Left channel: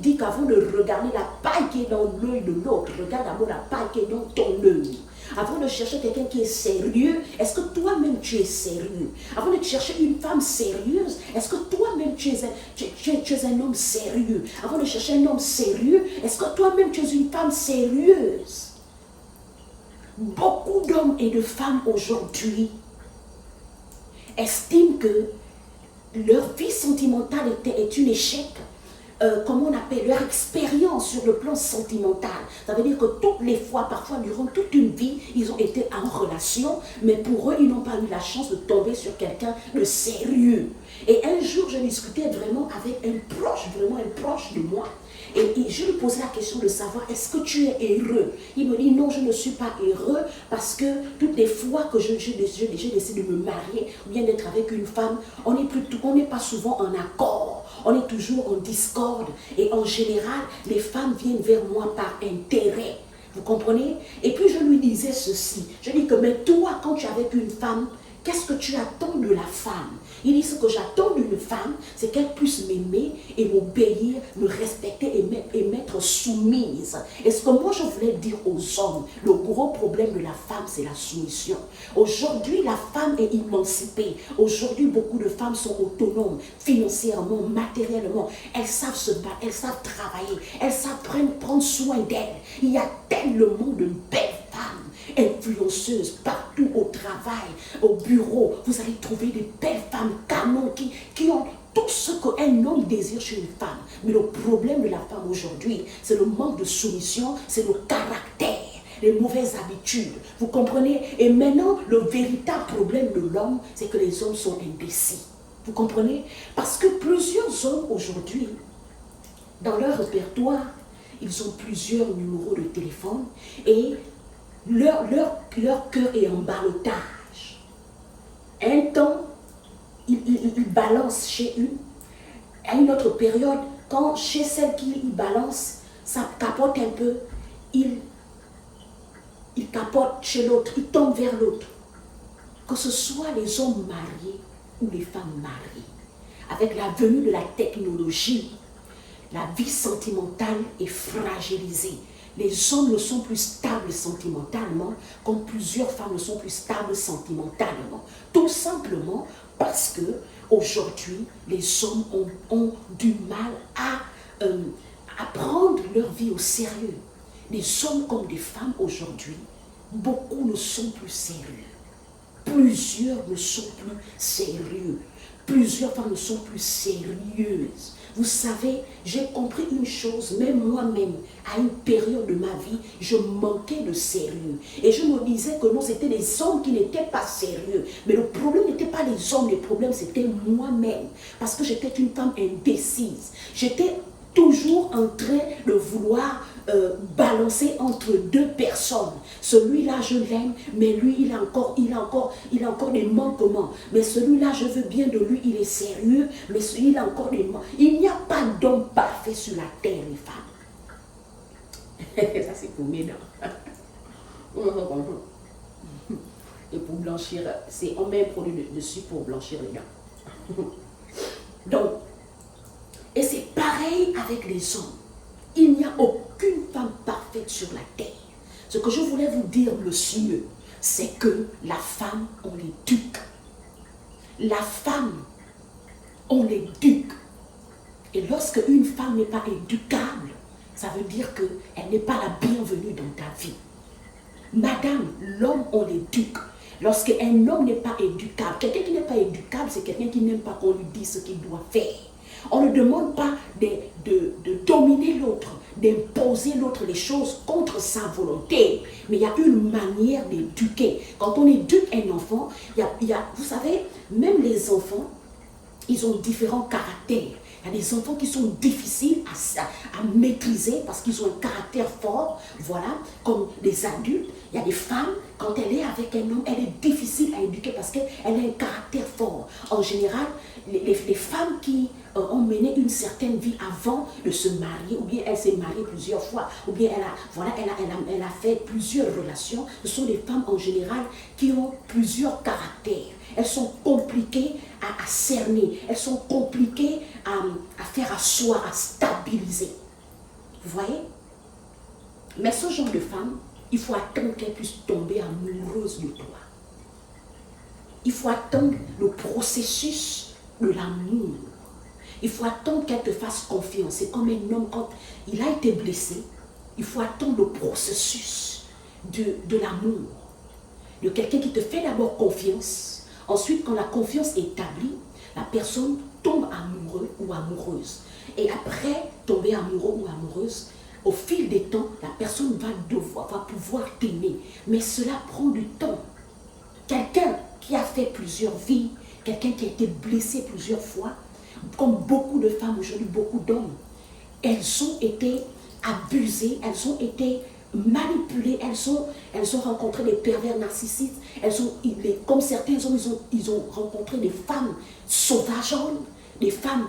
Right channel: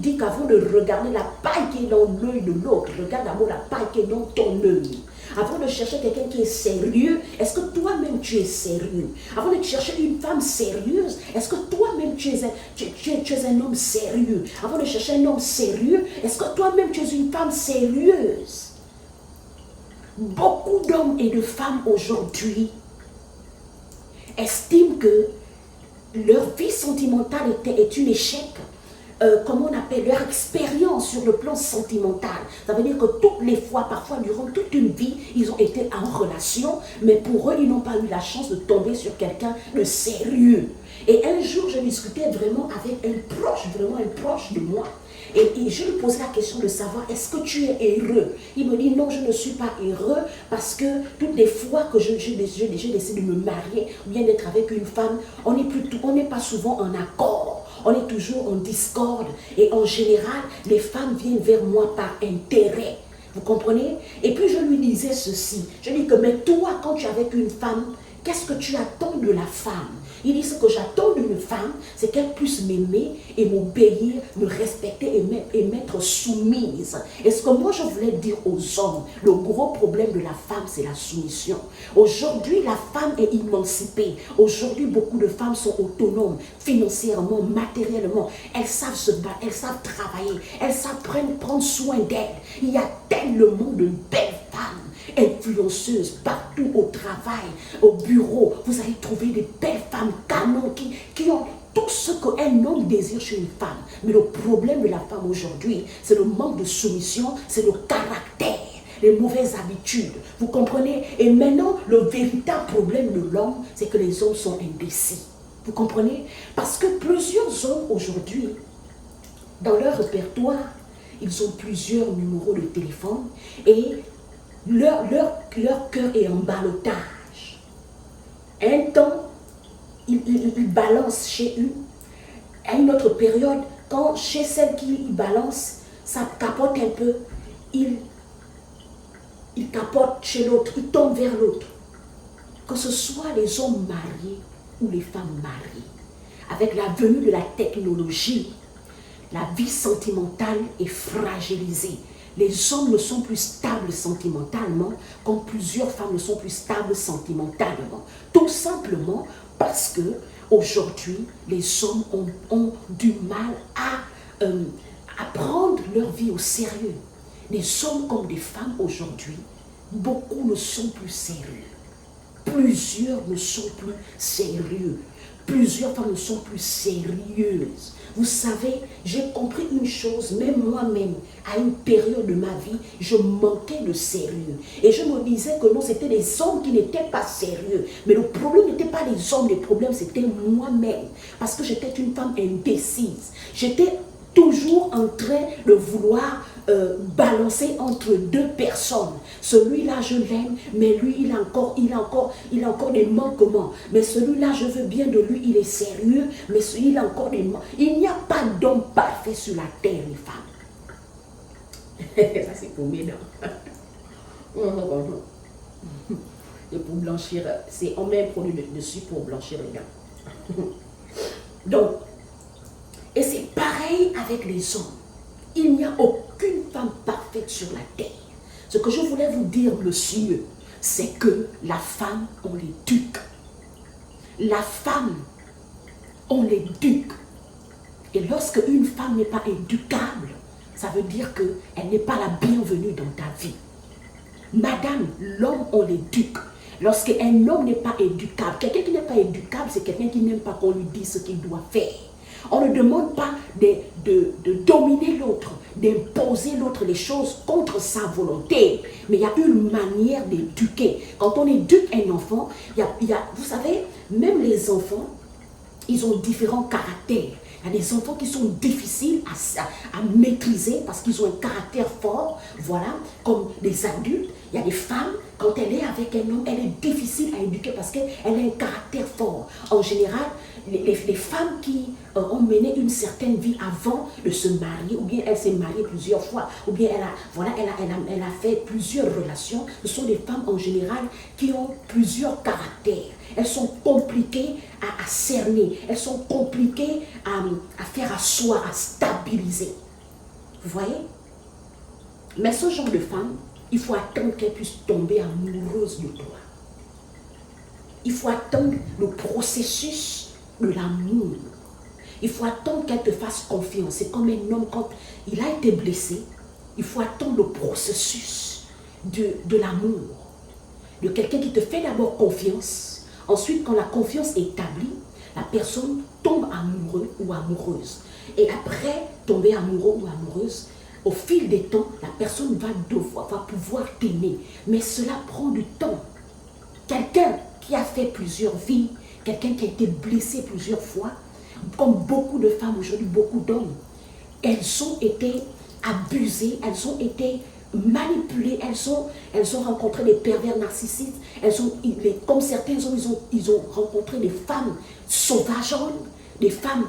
dit qu'avant de regarder la paille qui est dans l'œil de l'autre, regarde d'abord la paille qui est dans ton œil. Avant de chercher quelqu'un qui est sérieux, est-ce que toi-même tu es sérieux? Avant de chercher une femme sérieuse, est-ce que toi-même tu es un homme sérieux? Avant de chercher un homme sérieux, est-ce que toi-même tu es une femme sérieuse? Beaucoup d'hommes et de femmes aujourd'hui estiment que leur vie sentimentale est un échec. Comment on appelle, leur expérience sur le plan sentimental. Ça veut dire que toutes les fois, parfois durant toute une vie, ils ont été en relation, mais pour eux, ils n'ont pas eu la chance de tomber sur quelqu'un de sérieux. Et un jour, je discutais vraiment avec un proche de moi. Et je lui posais la question de savoir, est-ce que tu es heureux? Il me dit, non, je ne suis pas heureux parce que toutes les fois que je décide de me marier ou bien d'être avec une femme, on n'est pas souvent en accord. On est toujours en discorde. Et en général, les femmes viennent vers moi par intérêt. Vous comprenez? Et puis je lui disais ceci. Je lui dis que, mais toi, quand tu es avec une femme, qu'est-ce que tu attends de la femme? Il dit, ce que j'attends d'une femme, c'est qu'elle puisse m'aimer et m'obéir, me respecter et m'être soumise. Et ce que moi je voulais dire aux hommes, le gros problème de la femme, c'est la soumission. Aujourd'hui, la femme est émancipée. Aujourd'hui, beaucoup de femmes sont autonomes, financièrement, matériellement. Elles savent se battre, elles savent travailler, elles savent prendre soin d'elles. Il y a tellement de belles femmes influenceuses partout au travail, au bureau. Vous allez trouver des belles femmes canons qui ont tout ce qu'un homme désire chez une femme. Mais le problème de la femme aujourd'hui, c'est le manque de soumission, c'est le caractère, les mauvaises habitudes. Vous comprenez? Et maintenant, le véritable problème de l'homme, c'est que les hommes sont indécis. Vous comprenez? Parce que plusieurs hommes aujourd'hui, dans leur répertoire, ils ont plusieurs numéros de téléphone et leur cœur est en ballottage. Un temps, ils balancent chez une. À une autre période, quand chez celle qui balance, ça capote un peu, il capote chez l'autre, il tombe vers l'autre. Que ce soit les hommes mariés ou les femmes mariées, avec la venue de la technologie, la vie sentimentale est fragilisée. Les hommes ne sont plus stables sentimentalement, comme plusieurs femmes ne sont plus stables sentimentalement. Tout simplement parce que aujourd'hui, les hommes ont du mal à prendre leur vie au sérieux. Les hommes comme des femmes aujourd'hui, beaucoup ne sont plus sérieux. Plusieurs ne sont plus sérieux. Plusieurs femmes ne sont plus sérieuses. Vous savez, j'ai compris une chose, même moi-même, à une période de ma vie, je manquais de sérieux. Et je me disais que non, c'était les hommes qui n'étaient pas sérieux. Mais le problème n'était pas les hommes, le problème c'était moi-même. Parce que j'étais une femme indécise. J'étais toujours en train de vouloir balancer entre deux personnes. Celui-là, je l'aime, mais lui, il a encore des manquements. Mais celui-là, je veux bien de lui, il est sérieux, mais il a encore des manquements. Il n'y a pas d'homme parfait sur la terre, les femmes. Ça, c'est pour mes dents. Et pour blanchir, on met un produit dessus pour blanchir les dents. Donc, et c'est pareil avec les hommes. Il n'y a aucune femme parfaite sur la terre. Ce que je voulais vous dire, monsieur, c'est que la femme, on l'éduque. La femme, on l'éduque. Et lorsque une femme n'est pas éducable, ça veut dire qu'elle n'est pas la bienvenue dans ta vie. Madame, l'homme, on l'éduque. Lorsqu'un homme n'est pas éducable, quelqu'un qui n'est pas éducable, c'est quelqu'un qui n'aime pas qu'on lui dise ce qu'il doit faire. On ne demande pas de dominer l'autre, d'imposer l'autre les choses contre sa volonté. Mais il y a une manière d'éduquer. Quand on éduque un enfant, vous savez, même les enfants, ils ont différents caractères. Il y a des enfants qui sont difficiles à maîtriser parce qu'ils ont un caractère fort, voilà, comme les adultes. Il y a des femmes, quand elle est avec un homme, elle est difficile à éduquer parce qu'elle a un caractère fort. En général, les femmes qui ont mené une certaine vie avant de se marier, ou bien elle s'est mariée plusieurs fois, ou bien elle a fait plusieurs relations, ce sont des femmes en général qui ont plusieurs caractères. Elles sont compliquées à cerner, elles sont compliquées à faire asseoir, à stabiliser. Vous voyez? Mais ce genre de femme, il faut attendre qu'elle puisse tomber amoureuse de toi. Il faut attendre le processus de l'amour. Il faut attendre qu'elle te fasse confiance. C'est comme un homme, quand il a été blessé, il faut attendre le processus de l'amour. De quelqu'un qui te fait d'abord confiance. Ensuite, quand la confiance est établie, la personne tombe amoureux ou amoureuse. Et après tomber amoureux ou amoureuse, au fil des temps, la personne va pouvoir t'aimer. Mais cela prend du temps. Quelqu'un qui a fait plusieurs vies, quelqu'un qui a été blessé plusieurs fois, comme beaucoup de femmes aujourd'hui, beaucoup d'hommes, elles ont été abusées, elles ont été manipulées, elles ont rencontré des pervers narcissiques, comme certains hommes, ils ont rencontré des femmes sauvageonnes, des femmes,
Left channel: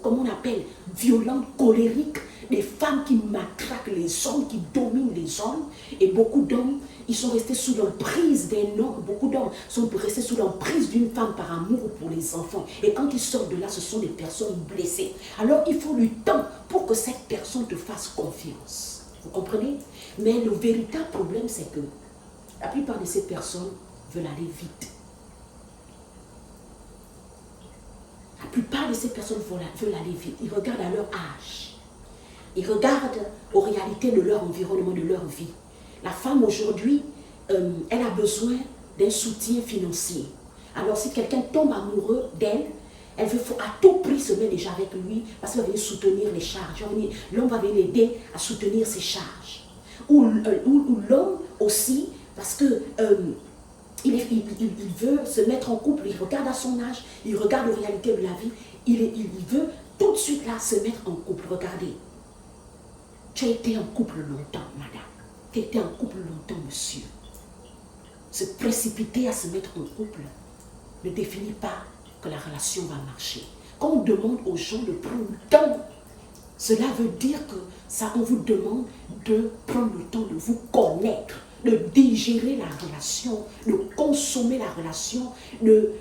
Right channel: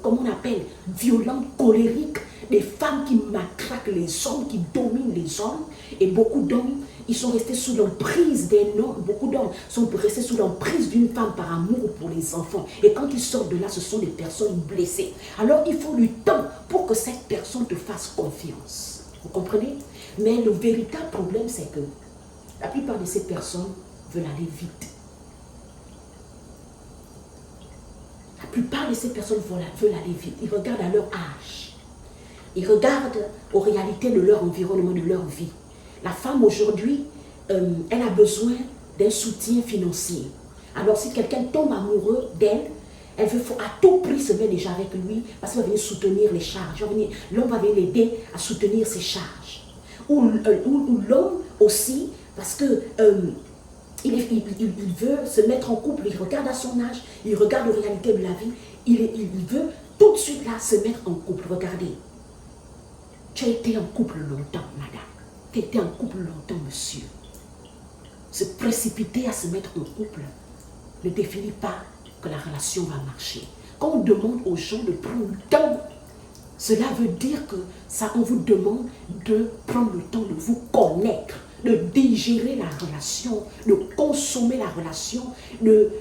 comment on appelle, violentes, colériques, des femmes qui matraquent les hommes, qui dominent les hommes. Et beaucoup d'hommes, ils sont restés sous l'emprise d'un homme. Beaucoup d'hommes sont restés sous l'emprise d'une femme par amour pour les enfants. Et quand ils sortent de là, ce sont des personnes blessées. Alors il faut du temps pour que cette personne te fasse confiance. Vous comprenez? Mais le véritable problème, c'est que la plupart de ces personnes veulent aller vite. La plupart de ces personnes veulent aller vite. Ils regardent à leur âge. Ils regardent aux réalités de leur environnement, de leur vie. La femme aujourd'hui, elle a besoin d'un soutien financier. Alors si quelqu'un tombe amoureux d'elle, elle veut à tout prix se mettre déjà avec lui parce qu'il va venir soutenir les charges. L'homme va venir l'aider à soutenir ses charges. Ou l'homme aussi, parce que il veut se mettre en couple, il regarde à son âge, il regarde aux réalités de la vie, il veut tout de suite là se mettre en couple. Regardez. Tu as été en couple longtemps, madame. Tu as été en couple longtemps, monsieur. Se précipiter à se mettre en couple ne définit pas que la relation va marcher. Quand on demande aux gens de prendre le temps, cela veut dire que on vous demande de prendre le temps de vous connaître, de digérer la relation, de consommer la relation, de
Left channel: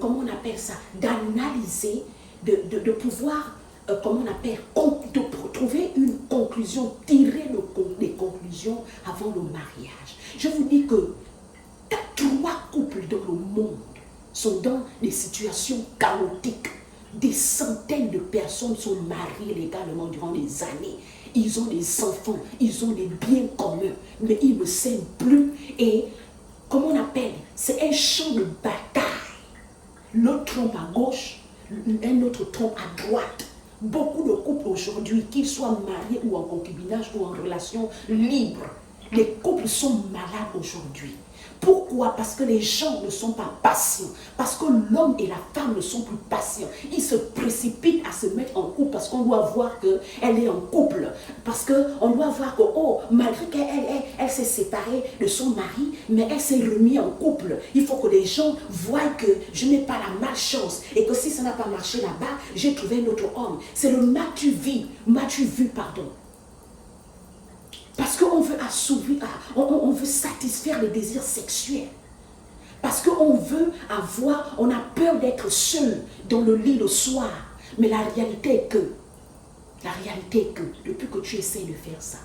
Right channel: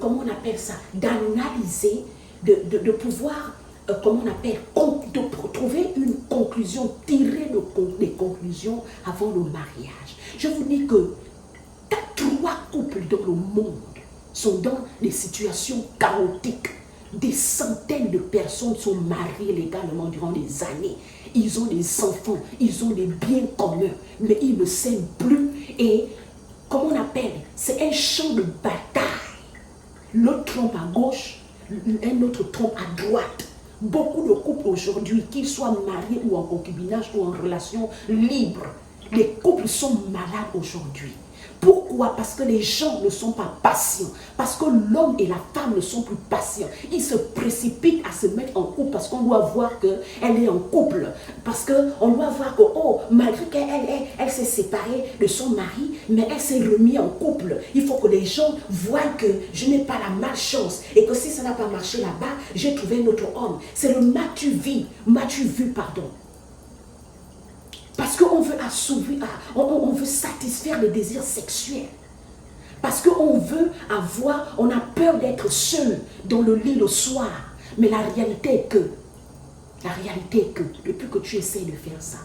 comment on appelle ça, d'analyser, de pouvoir... comment on appelle, de trouver une conclusion, tirer des conclusions avant le mariage. Je vous dis que 3 couples dans le monde sont dans des situations chaotiques. Des centaines de personnes sont mariées légalement durant des années. Ils ont des enfants, ils ont des biens communs, mais ils ne s'aiment plus. Et, comment on appelle, c'est un champ de bataille. L'autre trompe à gauche, un autre trompe à droite. Beaucoup de couples aujourd'hui, qu'ils soient mariés ou en concubinage ou en relation libre, les couples sont malades aujourd'hui. Pourquoi? Parce que les gens ne sont pas patients. Parce que l'homme et la femme ne sont plus patients. Ils se précipitent à se mettre en couple parce qu'on doit voir qu'elle est en couple. Parce qu'on doit voir que, oh, malgré qu'elle s'est séparée de son mari, mais elle s'est remise en couple. Il faut que les gens voient que je n'ai pas la malchance et que si ça n'a pas marché là-bas, j'ai trouvé un autre homme. C'est le m'as-tu vu, pardon. Parce qu'on veut assouvir, on veut satisfaire les désirs sexuels. Parce qu'on veut on a peur d'être seul dans le lit le soir. Mais la réalité est que, depuis que tu essaies de faire ça,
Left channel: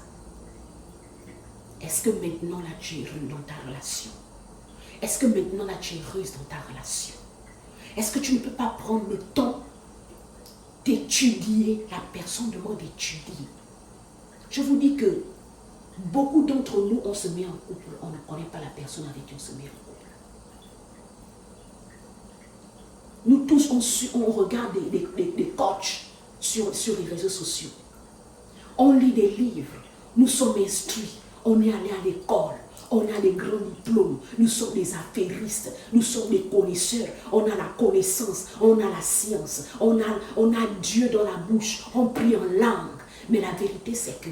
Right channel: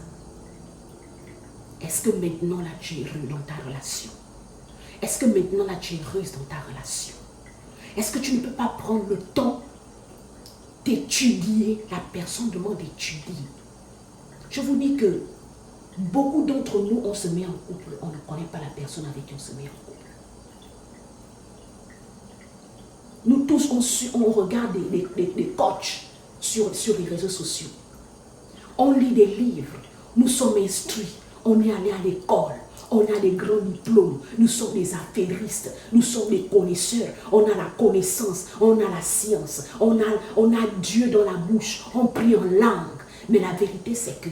est-ce que maintenant là tu es heureux dans ta relation? Est-ce que maintenant là tu es heureuse dans ta relation? Est-ce que tu ne peux pas prendre le temps d'étudier? La personne demande d'étudier. Je vous dis que beaucoup d'entre nous, on se met en couple, on ne connaît pas la personne avec qui on se met en couple. Nous tous, on regarde des coachs sur les réseaux sociaux. On lit des livres, nous sommes instruits, on est allé à l'école, on a des grands diplômes, nous sommes des affairistes, nous sommes des connaisseurs, on a la connaissance, on a la science, on a Dieu dans la bouche, on prie en langue. Mais la vérité, c'est que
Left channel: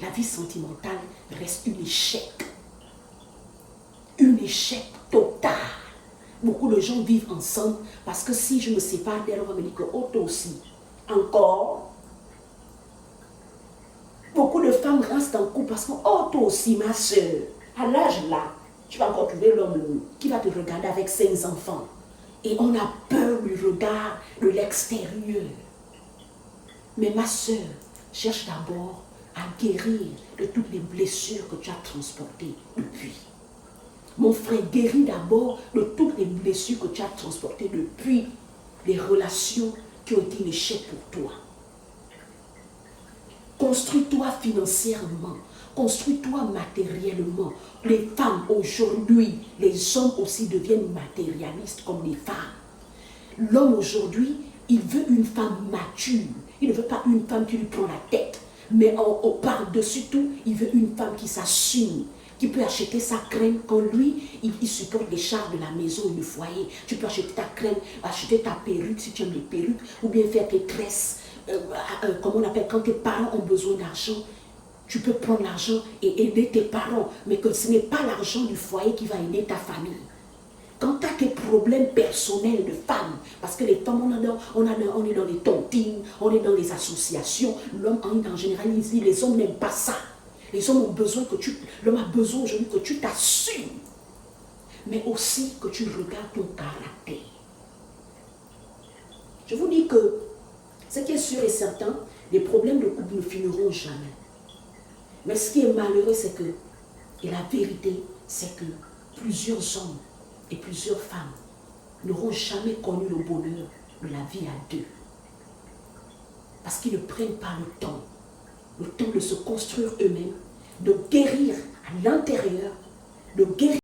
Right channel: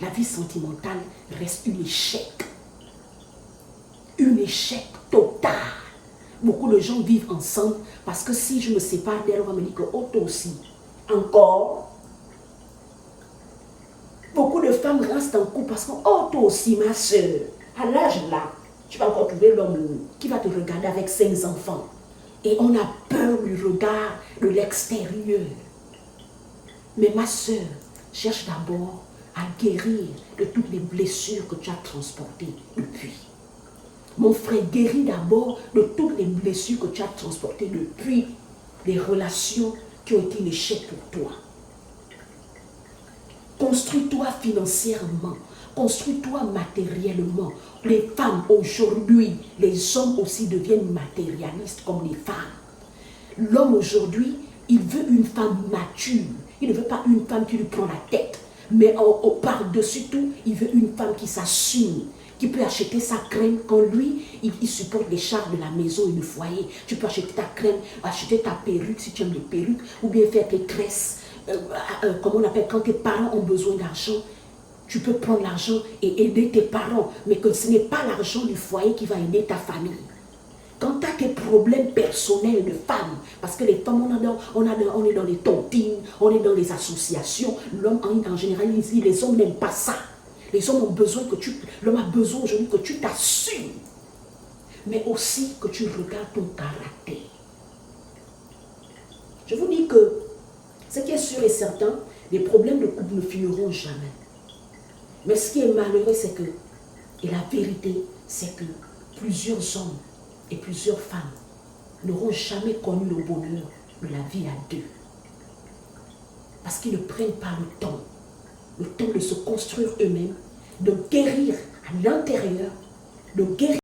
la vie sentimentale reste un échec. Un échec total. Beaucoup de gens vivent ensemble parce que si je me sépare d'elle, on va me dire que oh, toi aussi. Encore. Beaucoup de femmes restent en couple parce que oh, toi aussi, ma soeur, à l'âge là, tu vas encore trouver l'homme qui va te regarder avec 5 enfants. Et on a peur du regard de l'extérieur. Mais ma soeur, cherche d'abord à guérir de toutes les blessures que tu as transportées depuis. Mon frère, guéris d'abord de toutes les blessures que tu as transportées depuis les relations qui ont été l'échec pour toi. Construis-toi financièrement, construis-toi matériellement. Les femmes aujourd'hui, les hommes aussi deviennent matérialistes comme les femmes. L'homme aujourd'hui, il veut une femme mature. Il ne veut pas une femme qui lui prend la tête. Mais par-dessus tout, il veut une femme qui s'assume, qui peut acheter sa crème quand lui, il supporte les charges de la maison et du foyer. Tu peux acheter ta crème, acheter ta perruque si tu aimes les perruques, ou bien faire tes tresses. Comment on appelle, quand tes parents ont besoin d'argent, tu peux prendre l'argent et aider tes parents, mais que ce n'est pas l'argent du foyer qui va aider ta famille. Quand tu as tes problèmes personnels de femmes, parce que les femmes, on est dans les tontines, on est dans les associations, l'homme en général, ici, les hommes n'aiment pas ça. Les hommes ont besoin l'homme a besoin aujourd'hui que tu t'assumes, mais aussi que tu regardes ton caractère. Je vous dis que ce qui est sûr et certain, les problèmes de couple ne finiront jamais. Mais ce qui est malheureux, c'est que, et la vérité, c'est que plusieurs hommes et plusieurs femmes n'auront jamais connu le bonheur de la vie à deux. Parce qu'ils ne prennent pas le temps de se construire eux-mêmes, de guérir à l'intérieur, de guérir